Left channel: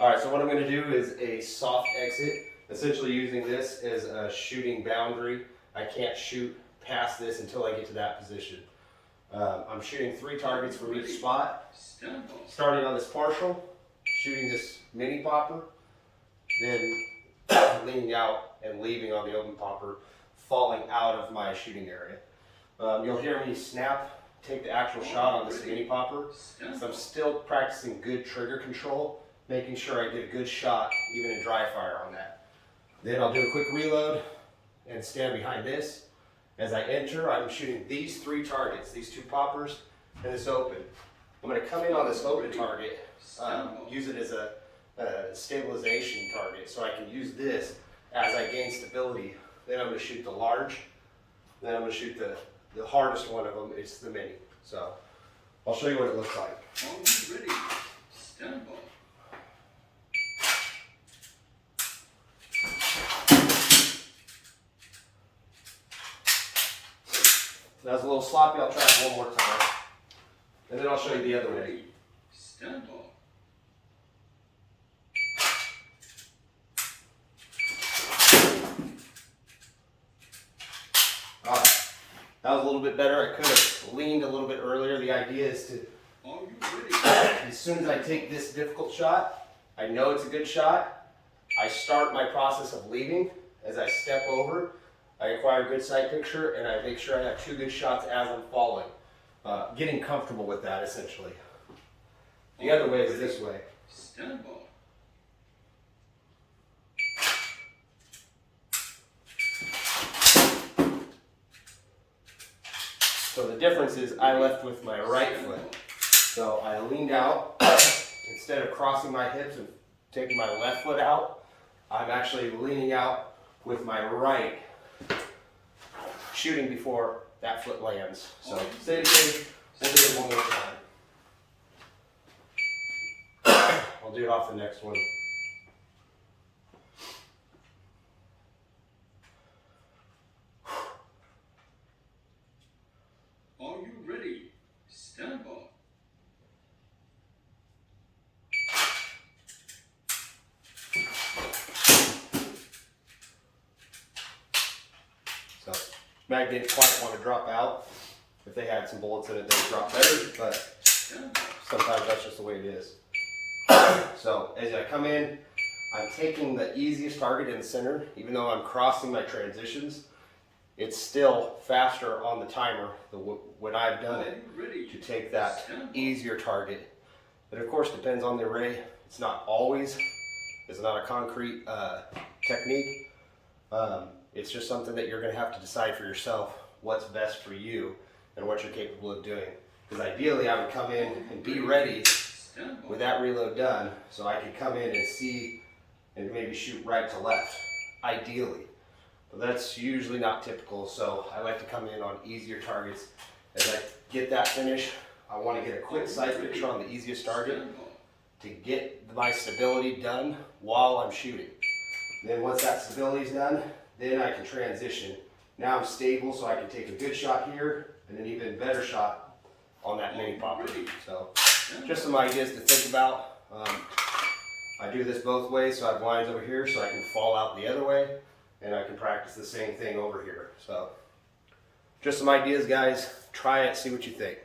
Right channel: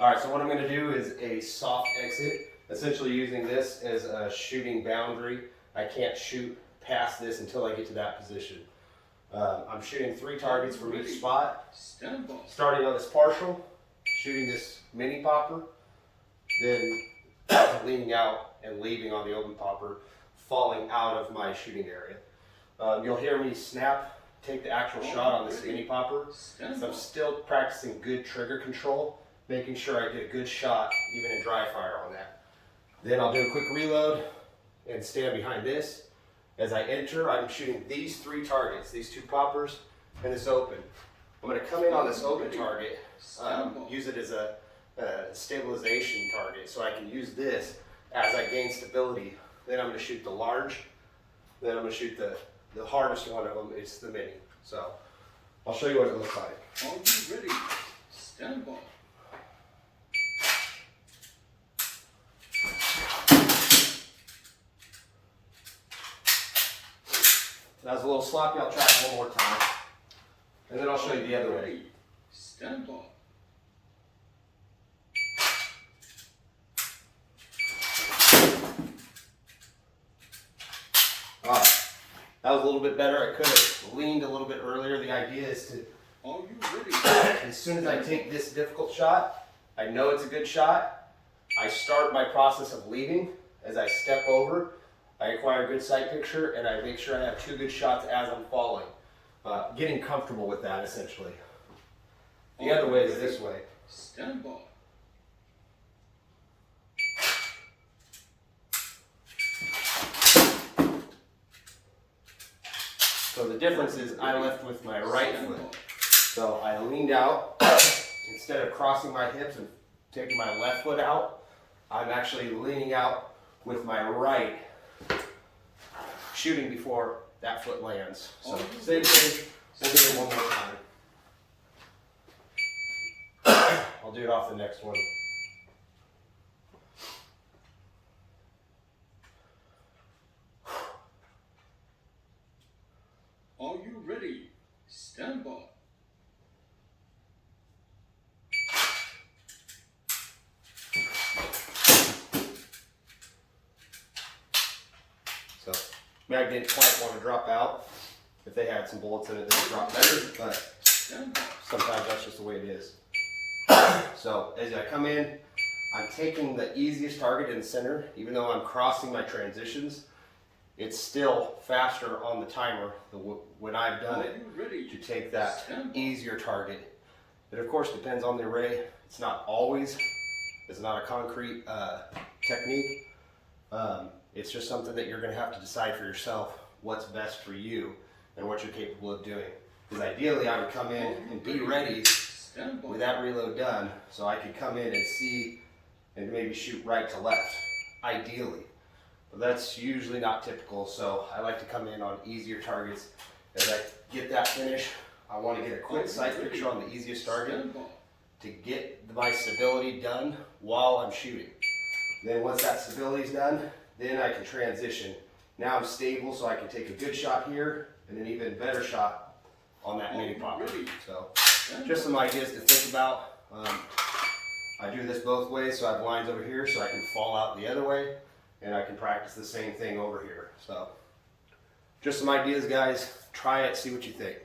All right, so what I'm going to do is a soft exit, essentially using this as a shooting boundary. I can't shoot past this until I get to that position. I'm shooting 3 targets from each spot, starting on this partial, shooting this mini popper, then leaning out and leaving on the open popper, falling out of my shooting area. You'll hear me snap, take the actual shot on this mini popper. So I'm still practicing good trigger control, making sure I get a good shot even in dry fire on that. Then I'll do a quick reload and stand behind this. As I enter, I'm shooting these 3 targets, these 2 poppers and this open. I'm going to come in on this open target, use it as a stabilization target, so I can use this as I gain stability. Then I'm going to shoot the large, then I'm going to shoot the hardest one of them, it's the mini. So I'll show you what it looks like. Are you ready? Stand by. That was a little sloppy, I'll try it one more time. And then I'll show you the other way. Ready? Stand by. Alright, that was a little bit better. I could have leaned a little bit earlier. The idea is to, Are you ready? as soon as I take this difficult shot, I know it's a good shot. I start my process of leaving. As I step over, I acquire a good sight picture and I make sure I have 2 good shots as I'm falling. Getting comfortable with that essentially. The other way is this way. Stand by. So the difference is I left with my right foot. So I leaned out, instead of crossing my hips and taking my left foot out, I'm actually leaning out with my right, shooting before that foot lands. So same thing, we'll do it one more time. I'll do it off the next one. Are you ready? Stand by. So mag didn't quite want to drop out. If they had some bullets in it, they would drop better, but sometimes that's just the way it is. So as I come in, I'm taking the easiest target in the center. Even though I'm crossing my transitions, it's still faster on the timer when I've done it to take that easier target. It of course depends on the array. It's not always, it's not a concrete technique. It's just something that you're going to have to decide for yourself what's best for you and what you're capable of doing. Because ideally I would come in and be ready with that reload done so I could come in and see and maybe shoot right to left, ideally. But that's usually not typical, so I like to come in on easier targets. As I get that finish, I want to get a quick sight picture on the easiest target to get my stability done while I'm shooting. Then once that stability is done, then I can transition. Now I'm stable, so I can take a good shot here and an even better shot on that mini popper. So just some ideas to think about. I do this both ways, so I have lines over here so I can fall out the other way, and I can practice the same thing over here. So just some ideas, guys. Try it, see what you think.